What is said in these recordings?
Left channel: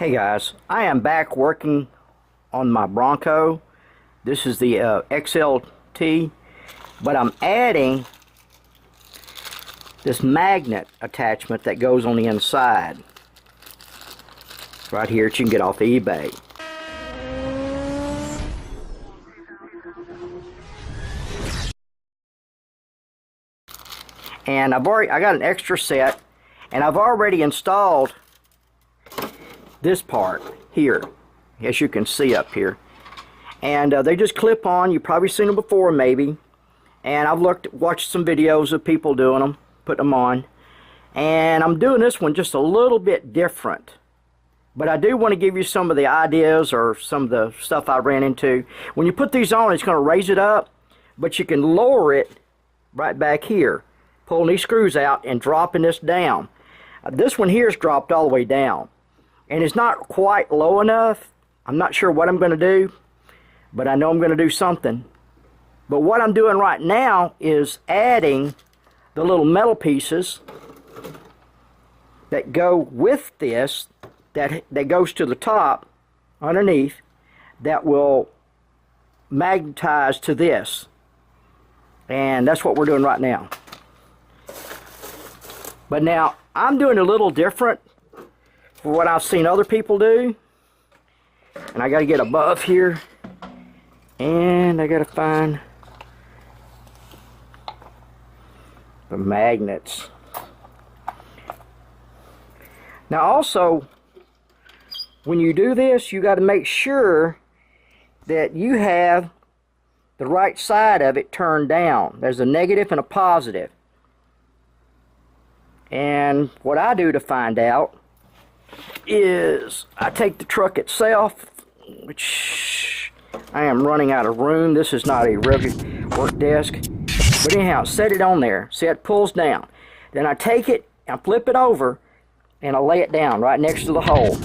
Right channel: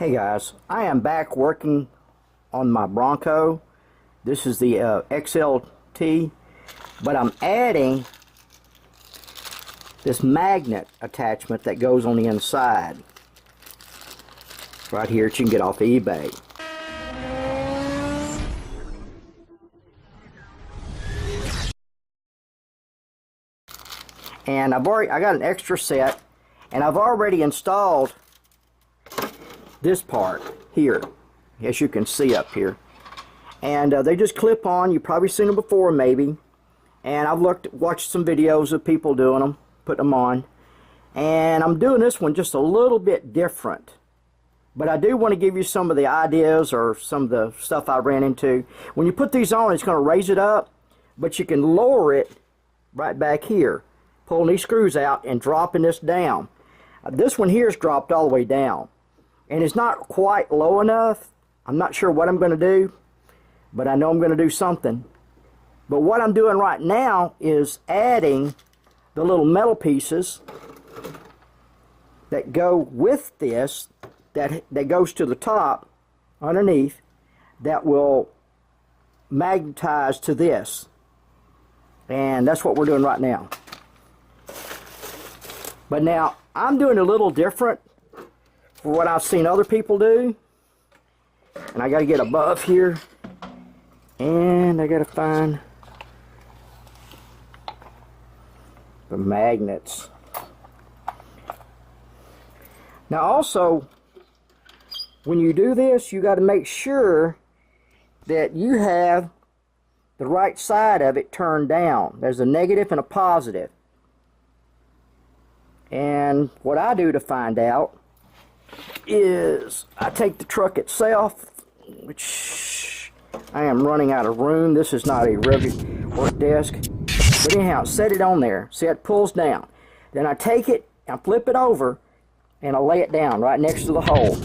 Hey guys, I am back working on my Bronco. This is the XLT, but I'm adding this magnet attachment that goes on the inside. Right here, that you can get off of eBay. And I got an extra set, and I've already installed this part here, as you can see up here, and they just clip on. You've probably seen them before, maybe, and I've watched some videos of people doing them, putting them on, and I'm doing this one just a little bit different, but I do want to give you some of the ideas or some of the stuff I ran into. When you put these on, it's going to raise it up, but you can lower it right back here, pulling these screws out and dropping this down. This one here is dropped all the way down, and it's not quite low enough. I'm not sure what I'm going to do, but I know I'm going to do something. But what I'm doing right now is adding the little metal pieces that go with this, that goes to the top underneath, that will magnetize to this. And that's what we're doing right now. But now I'm doing a little different for what I've seen other people do, and I got to get above here, and I got to find the magnets. Now also, when you do this, you got to make sure that you have the right side of it turned down. There's a negative and a positive. And what I do to find out is I take the truck itself, which I am running out of room. This is not a regular work desk, but anyhow, set it on there. See, it pulls down. Then I take it and flip it over, and I lay it down right next to the hole.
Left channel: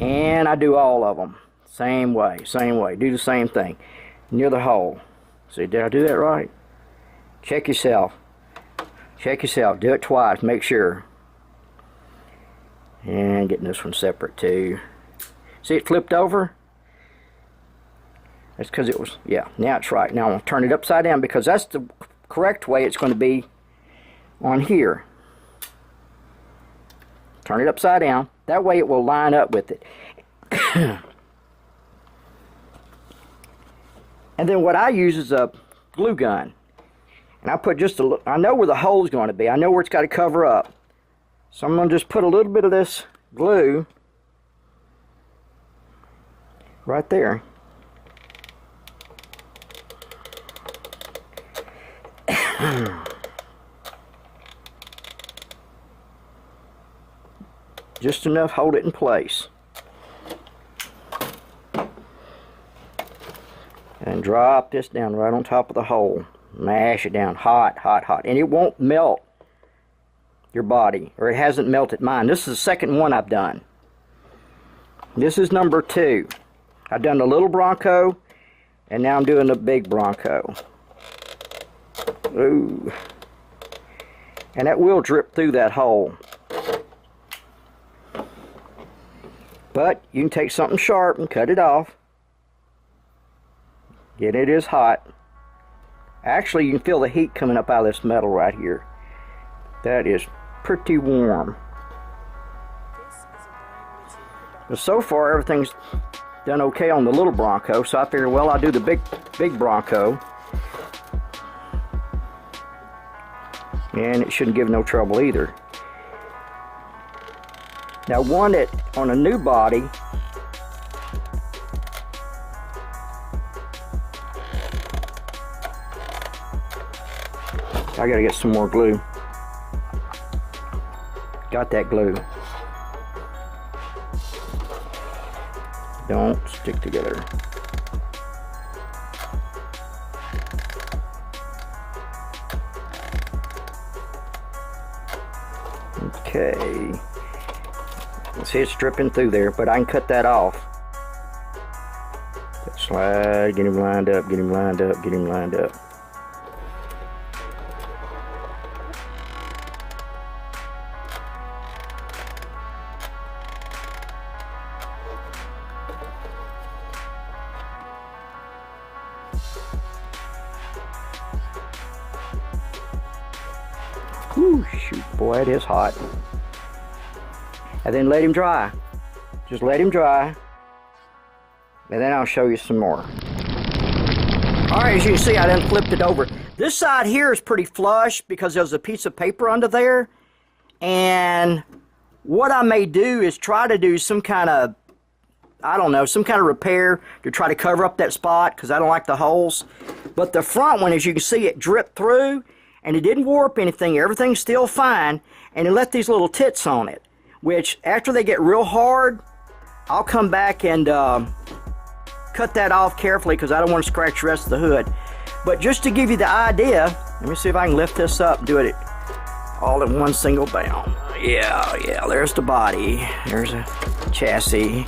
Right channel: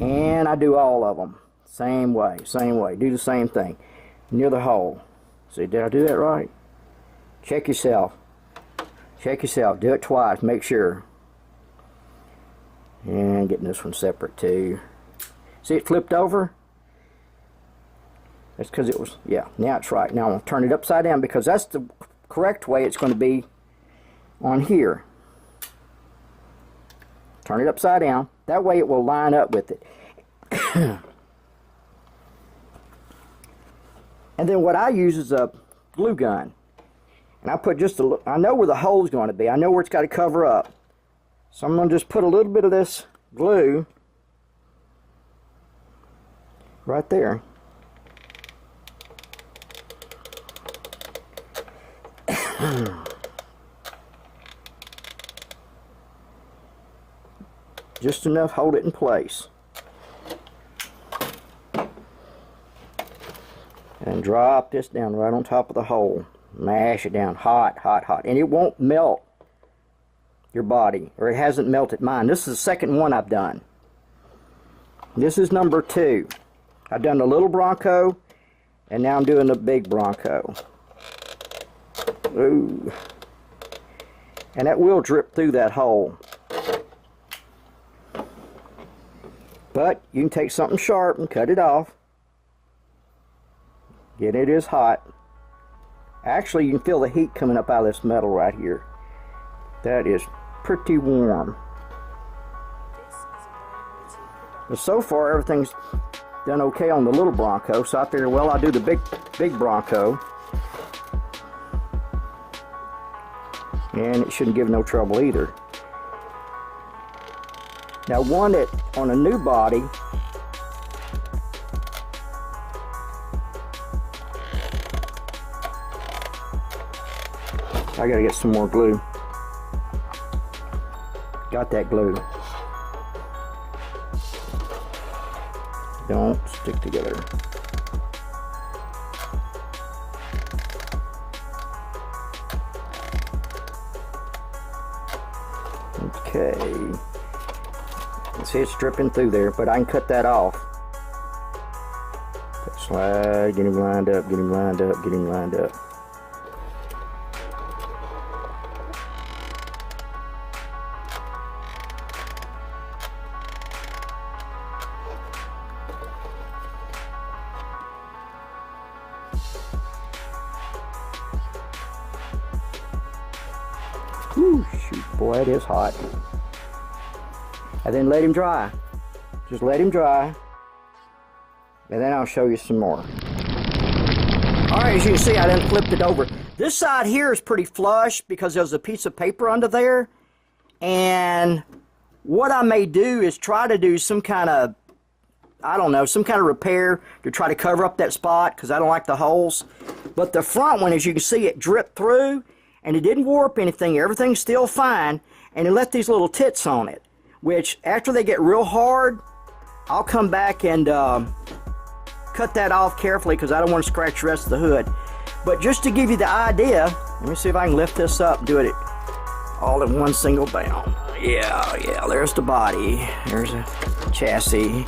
And I do all of them same way. Do the same thing near the hole. See, did I do that right? Check yourself. Do it twice, make sure. And getting this one separate too. See, it flipped over? That's because it was, yeah, now it's right. Now I'm going to turn it upside down, because that's the correct way it's going to be on here. Turn it upside down. That way it will line up with it. And then what I use is a glue gun. And I put just a, I know where the hole is going to be. I know where it's got to cover up. So I'm going to just put a little bit of this glue right there. Just enough, hold it in place. And drop this down right on top of the hole. Mash it down hot, and it won't melt your body, or it hasn't melted mine. This is the second one I've done. This is number 2. I've done the little Bronco, and now I'm doing the big Bronco. Ooh. And that will drip through that hole. But you can take something sharp and cut it off. Yet it is hot. Actually, you can feel the heat coming up out of this metal right here. That is pretty warm. But so far, everything's done okay on the little Bronco, so I figured, well, I'll do the big Bronco. And it shouldn't give no trouble either. Now, one that on a new body, I gotta get some more glue. Got that glue. Don't stick together. Okay. See, it's dripping through there, but I can cut that off. Slide, get him lined up, get him lined up, get him lined up. Boy, it is hot. And then let him dry. Just let him dry. And then I'll show you some more. Alright, as you can see, I then flipped it over. This side here is pretty flush because there's a piece of paper under there. And what I may do is try to do some kind of, I don't know, some kind of repair to try to cover up that spot because I don't like the holes. But the front one, as you can see, it dripped through and it didn't warp anything. Everything's still fine. And it left these little tits on it, which after they get real hard, I'll come back and cut that off carefully because I don't want to scratch the rest of the hood. But just to give you the idea, let me see if I can lift this up and do it all in one single bound. Yeah, there's the body. There's a chassis.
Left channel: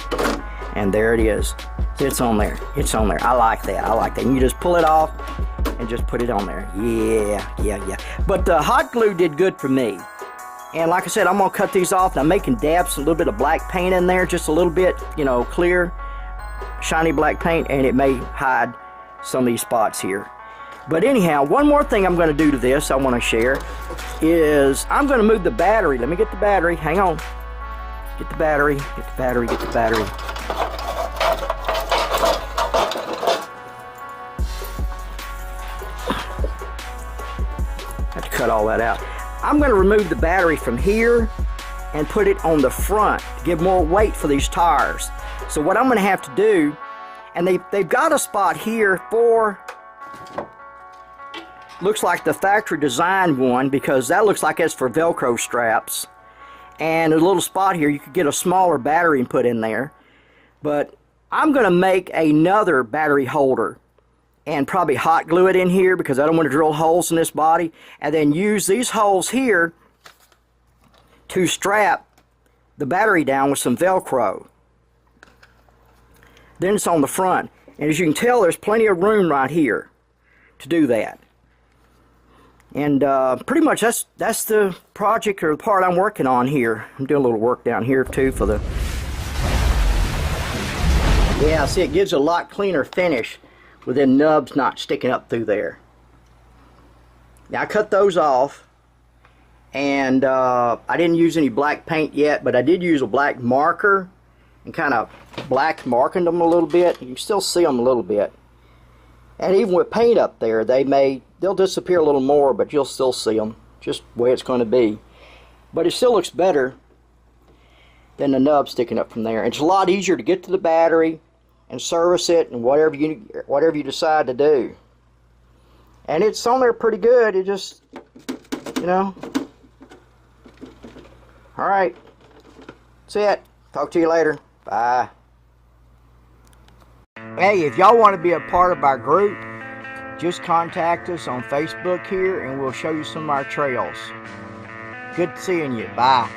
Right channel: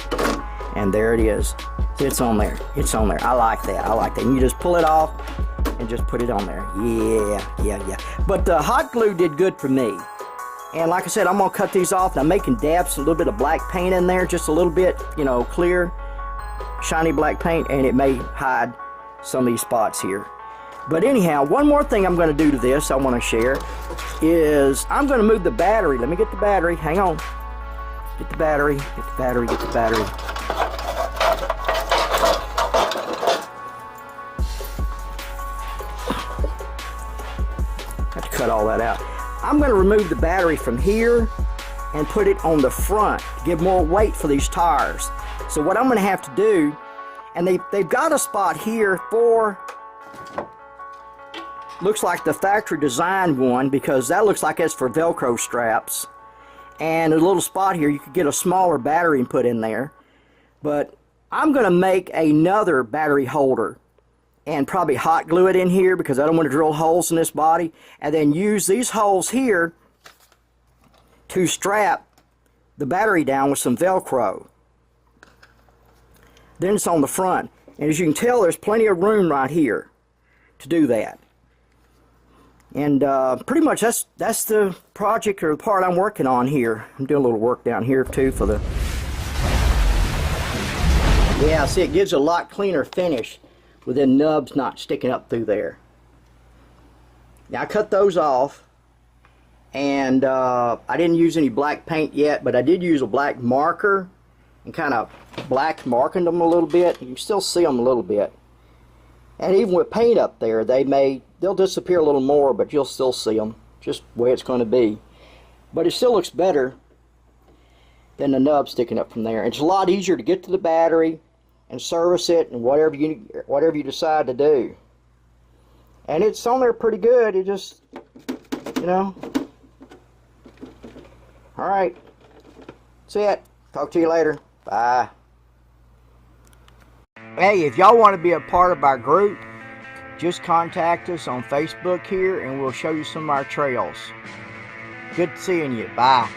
And there it is. It's on there. It's on there. I like that. I like that. And you just pull it off and just put it on there. Yeah. But the hot glue did good for me. And like I said, I'm going to cut these off. And I'm making dabs, a little bit of black paint in there. Just a little bit, you know, clear, shiny black paint. And it may hide some of these spots here. But anyhow, one more thing I'm going to do to this I want to share is I'm going to move the battery. Let me get the battery. Hang on. Get the battery. Get the battery. Get the battery. Have to cut all that out. I'm going to remove the battery from here and put it on the front to give more weight for these tires. So what I'm going to have to do, and they've got a spot here for, looks like the factory designed one because that looks like it's for Velcro straps. And a little spot here, you could get a smaller battery and put in there. But I'm going to make another battery holder and probably hot glue it in here because I don't want to drill holes in this body. And then use these holes here to strap the battery down with some Velcro. Then it's on the front. And as you can tell, there's plenty of room right here to do that. And pretty much that's the project or the part I'm working on here. I'm doing a little work down here too for the... Yeah, see, it gives a lot cleaner finish with the nubs not sticking up through there. Now I cut those off, and I didn't use any black paint yet, but I did use a black marker and kind of black marking them a little bit. You can still see them a little bit. And even with paint up there, they'll disappear a little more, but you'll still see them, just the way it's going to be. But it still looks better than the nub sticking up from there. It's a lot easier to get to the battery and service it and whatever you decide to do. And it's on there pretty good. It just, you know. All right, that's it. Talk to you later. Bye. Hey, if y'all want to be a part of our group, just contact us on Facebook here and we'll show you some of our trails. Good seeing you. Bye.